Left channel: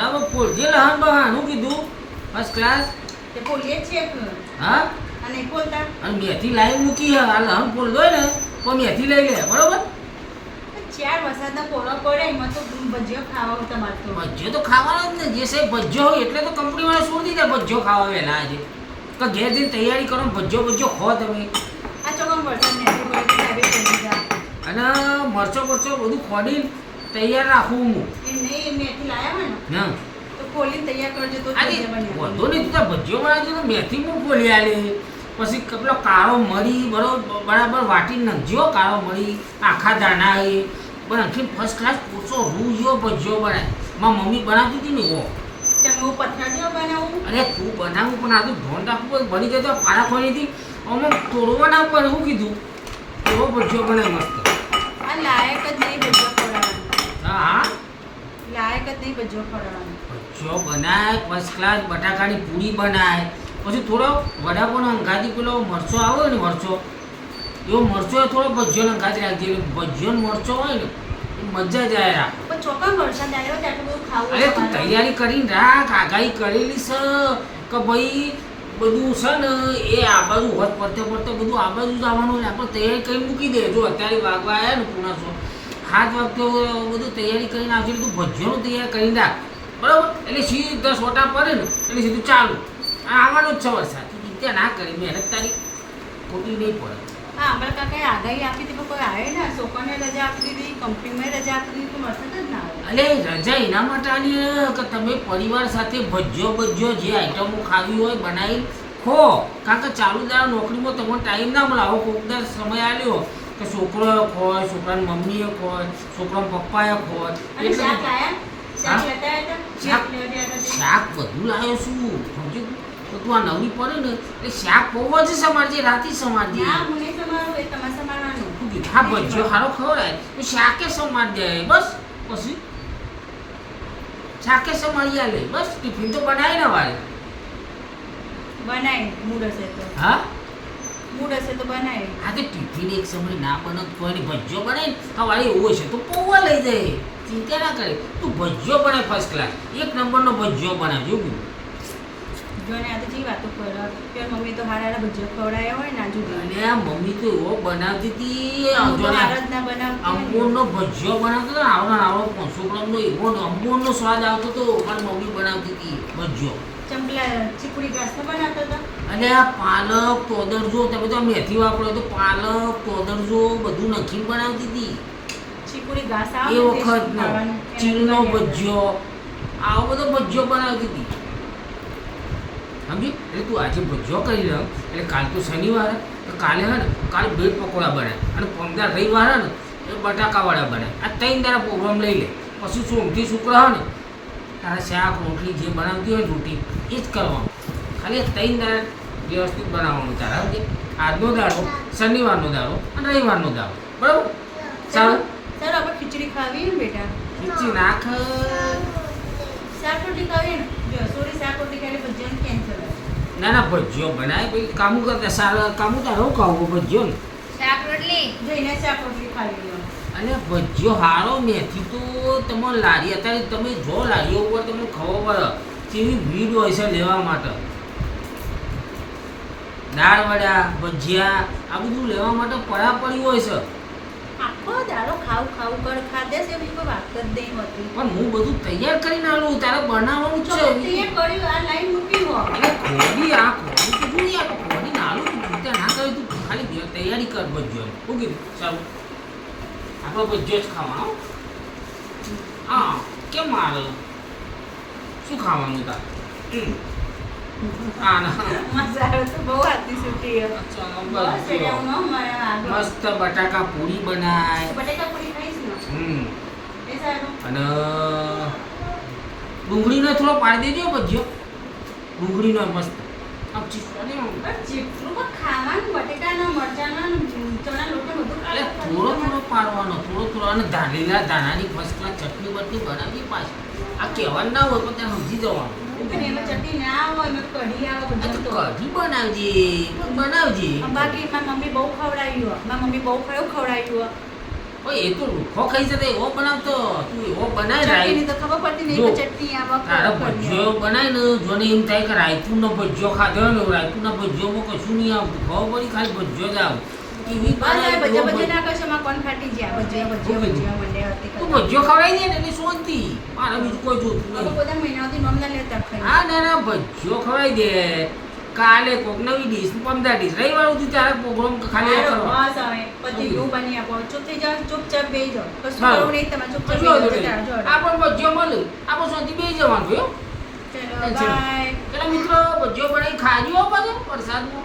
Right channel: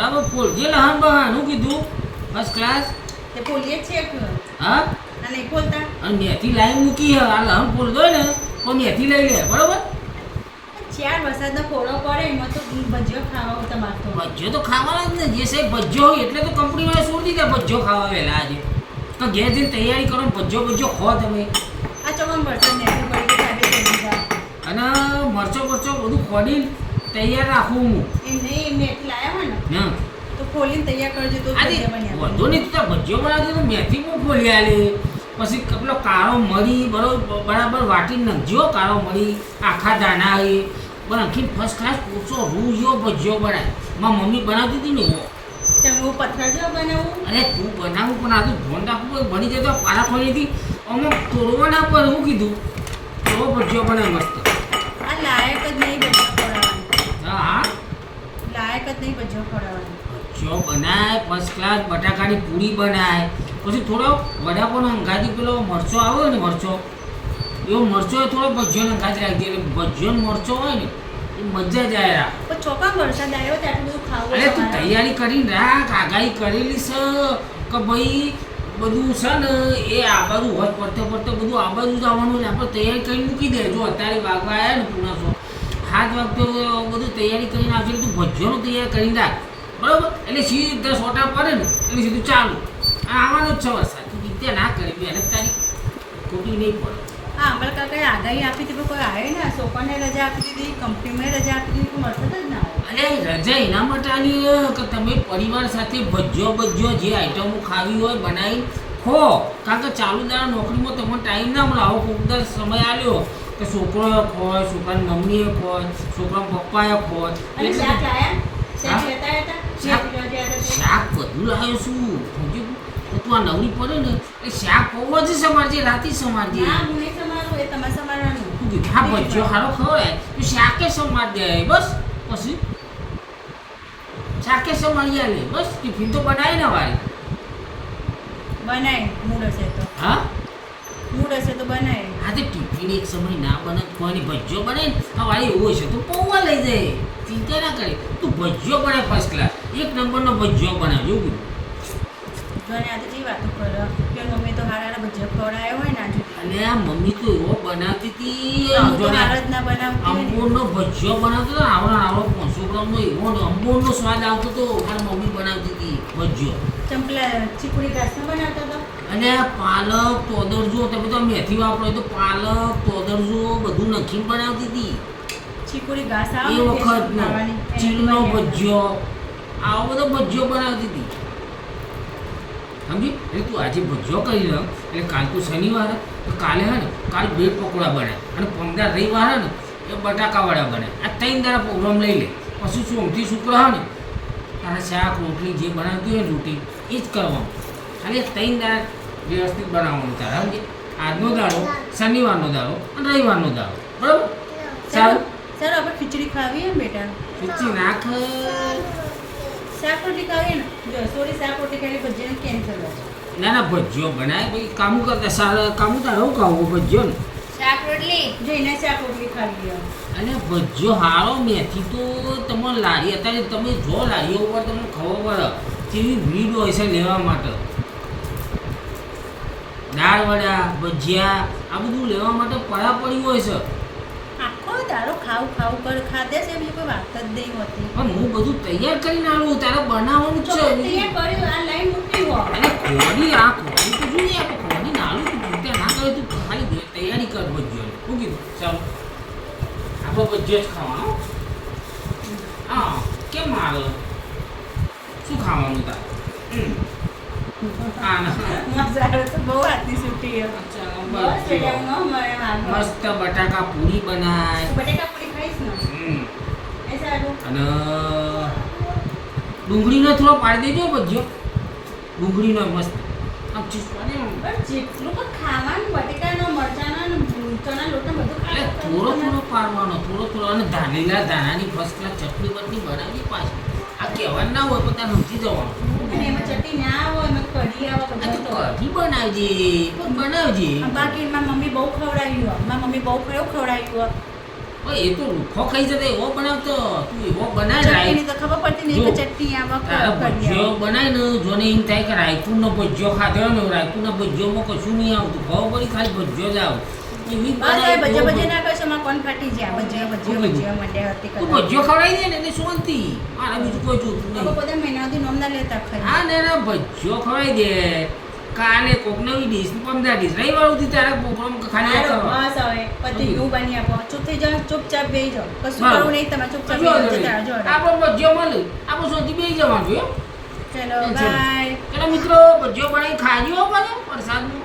બરાબર ફોલજે લહન બહાન હું કીધું ફર્સ્ટ ક્લાસ તે બોલીએ છીએ કે હા આ નહીં બોલતા અને મેથી લાઈન મૂકી હે આ લહન ફોલ દો ને તો મેથી લઈ લે બરાબર 4 વરસાદનો પોળો પડે એમાં તો ભજીયો ખાવા તમારે તો ભજીયો તો ખાવાનો જ ને જે સાહેબ ભજીયો હોય એટલે તો કંપનીવાળા છોડી દીધા ભજીયો ખાવા વહેલા આજે તો ઘેર જઈને તૈયારી કરો ને ભજીયો ખો તમે આ ચોકમ વરસાદ નથી પડે કે સાહેબ કરી દીધા અને મરચો બધું ખોડીને તૈયાર રાખું હું એમ નહીં મેથી લાયા હોય ને હા તો ખોલીને તૈયાર કરજો તો આજે ભજીયા બન્યા વધુ નહીં તું ભજીયો બનાવજો તો મેથી હું ખોલી આલી પછી પેલો કાળો મરી બરાબર વાટીને નાખજો કાળો મરી આખા દાણા એ પણ આખી ફર્સ્ટ ક્લાસ પૂછો રૂ જેવો ભજીયો બનાય મારી મમ્મી બનાવતી હતી ને એવો ચંગુ પથરા જેવો બનાવું અરે તું બનાવું પણ આ તું ધોન રાખવું બની જાય તો પારા ખોલીથી અમે તોડવા ના પર શું કીધું એવો ભજીયો બનાય મસ્ત આ લાયક જ નહીં ભજીયા ખવડાવવાનું હા હા લાયક જ નહીં ભજીયો ખવડાવવાનું ભજીયો બનાય ફર્સ્ટ ક્લાસ બટાકાની પૂરી બનાય પછી થોડો વડાપાવનો અંગાજી પેલો મરચો આવે ને મરચો એવો મરચો થોડો ભજીયો અંગાજી રાખી દે ભજીયો મરચો હોય ને એ મજા જ આવે પણ ચોકા વરસાદ આવ્યો તો આટલું બધું ખાવું અરે તું તૈયારી કરીને રાખ આગાહી કરેલી છે કે ભાઈ બધું છે ને એ આ બાજુ હોત પડતે બધું આ બાજુ જ આવવાનું ને આપણે તૈયારી કરી મૂકી દે જો અત્યારે વાગવા આવ્યા ને પૂણા 7 વાગતો બધું તૈયારી કરીને આવશે તું ભજીયોનું તૈયાર કરીને રાખ બરાબર એટલે સીધા સોટા પડે ને એટલે સીધું ચાલુ આવવાનું જ છે વરસાદ તું ચિંતા ના કરે મહેનત તારી ખોટી નહીં પડે હા અમલ કાકાએ આગાહી આપી હતી પણ કોઈ આવે ને છોકરાને રજા આપી દીધી કંપનીમાં રજા આપી દીધી કોઈ વરસાદ જ ના આવે અરે રજા એના માટે આલી કે તમે પરિવાર સાથે ભજીયો જે આઈટમો ખાવી હોય બનાવી ખો કારણ કે ચાલુ દાડા નોકરીમાં તમને ટાઈમ ના મળે આવો કોકદાર સમય આવ્યો કે છોકરો ખોય છોકરાની મમ્મીએ ખોય છોકરાના પપ્પાએ ખોય અને શાક લાયા શાક લેતા હતા શાક બધું લાવ્યો શું સમજી તો તું આ નવરી પડે ને એ શાક પૌવા જ સમારજે રાતે સમારજે ના હું નહીં સમારું એ તમારે સમારવાનું હા ભજીયો સારો ખવડાય તો શાકે સમાર દે બસ પછી શાકે સમારી આલે બસ ટિફિન તો બનાવી ને વારે બનાય મૂડ હશે તો હા મૂડ હશે તો બનાય હા તો ટિફિન એક સમય ના બને કોઈને ભજીયો બનાવે ને હા વારે એવું હશે તો પૌવા લઈ જાય ચિંતા ના કરે તું ભજીયો બનાય ફર્સ્ટ ક્લાસ 1 નંબરનો ભજીયો બનાવજો એવું જોને આ તો જે વાતો કરો કે મમ્મી તો હારા ભજીયા ખવડાયા હોય ને આજુ અને આ મમ્મી તો એવો બનાવતી હતી હું તો હારા જ ના બનાવતી અંબોરનો ભજીયો બનાવતો હતો આવડો 500 ગ્રામનો એવો અંબોરનો સ્વાદ આવતો હતો મારી મમ્મી બનાવતી હતી ભજીયો ચંપલા ચીકુડી ઘાસનો બનાવતો હતો અને આ પાલક તોદરજો તમે તો મેથી વાપરો તો પાલક તોદરજો બધું નાખીને બનાવતી હતી ચીકુડી ઘાસ એ આવે વખતનો ચીલનો ભજીયો આવો બધો ભજીયો બનાવતી હતી સમજી એટલે તું આજે ભજીયો કરી લે એટલે કાલ તો શનિવાર તો કાલે હે ને કાલે બ્રેડ પકોડા બનાય અને 15 રવિવાર હે ને એ બટાકાવાળા બનાય આ 3 દાડા પ્રોગ્રામ લઈ લે પછી સોમથી શુક્ર હે ને તારા શાક રોટલી જે બનાવતી હોય રોટી એ જ કરવાનું ખાલી 3 દાડા વ્યવસ્થિત બનાવવાનું તારા સમજે આજનો દાડો શનિવારનો દાડો અને રવિવારનો દાડો બરાબર સારું સર આપણે ખીચડી ખાવી ને બેટા ખીચડી નાખ શાક રોટલી ખાવી ને જો સોરી શાક રોટલી ખાલી ભજીયા કેન્સલ ના ના ભજીયો બનાય ભાઈ કામું કરતા સારા કામું તારે હું ખાવું ભજીયો ને શાક રોટલી જઈને શાક રોટલી ખાવી લો અને ભજીયો હારો મેથી તો તમે લારી અત્યારે તમે જો લારીઓ ઉપર તમને ખબર પડે કેવી ભીડ હોય છે લેવા માટે દાળ વડા ભજીયા આ બધું લેવા માટે પડી હોય છે આખો દાડો ખાવ કર ખાધે છે બીજું કોઈ વાત જ નહીં હોતી પણ હું બધું તૈયાર કરીને આલું તારે બનાવવાનું છે તૈયાર કર્યું આ લાઈન મૂકી હો અને ખોડી આ ખોડી તો જોઈએ આ ખોડી ના આલું તું ચિંતા ના કરે તું ખાલી તૈયારી કર ભજીયો શું કીધું ચાલો આપણે ભજીયો જ ખાવાનો હા કેમ આવે શું ખાવાનું તારે મજા તો બહુ આતી છૂટી મસ્ત બટાકા પૂરી બનાય બટાકા પૂરી ખાઈશ ને એ સારું અને ડુંગળીનો થોડો પાડી દેજો ભજીયો ડુંગળીનો મસ્ત આમ ચીપકાને પણ જેટલું પણ ખાવાનું બટેકાનો મરચાનો ચણા લોટનો બધું એટલે થોડો પાડવાનો થોડો અને લીલા દાણાની ફર્સ્ટ ક્લાસ ચટણી બટણી બનાવી પાછી આ કહેવાનું ના હોય પણ ત્યાં સમજી જવાનું પણ એમાં ચટણી ના હોય એમાં કઢી આવે બધું તો કઢી બનાવજે બાકી મારી મમ્મી બહુ ખવડાવ્યું મારી મમ્મી બહુ ખવડાવ્યું ભાઈ એ તો રૂખો ખાઈ જતો એવો બનાવતો તું એવો બનાય ચટણીની તો ખબર પડતી નહીં કે જો, ચટણી આ તારે વખત ભજીયો બનાય ને જોને એમ થાય કે રાયતુંનો ભજીયો ખાધો ને રાયતુંના ભજીયોમાં કશું નહીં આવતું ખબર પડી ખાલી ભજીયો જ આવે એવી બનાય ભજે તો ભજે ના કરશો માં કોણ ફાટી જાય ભજીયો મંડ્યા હતી તું ભજીયો ખવડાવી દે ને એટલે શાંતિ મારે બીજું કોઈ જોતું હવે નહીં બધા મહિનાઓથી નોમ ના લેતા ખરી હા ના ભજીયો ખવડાવી દે કાલે કોક નવી ડીશ 15 ડીશ રવિવાર સુધી તારે પ્રોગ્રામ ખાલી એ હાલો, કરવા બસ હવે પતિ સમજી. નું બની આપો ચૂપ થઈ જાઓ ચૂપચાપ બેહી જાઓ કશું હા. કરવું નહીં તમારે ચૂપચાપ જો બેહી જાઓ જતા રહો, જો આપણો ભજીયો મળે આપણો શાંતિ બેસી જવાનું ભાઈ હો. ચલો બાય ચલો મિત્રો ભજીયો બનાવી ખાજો પાછો વરસાદનું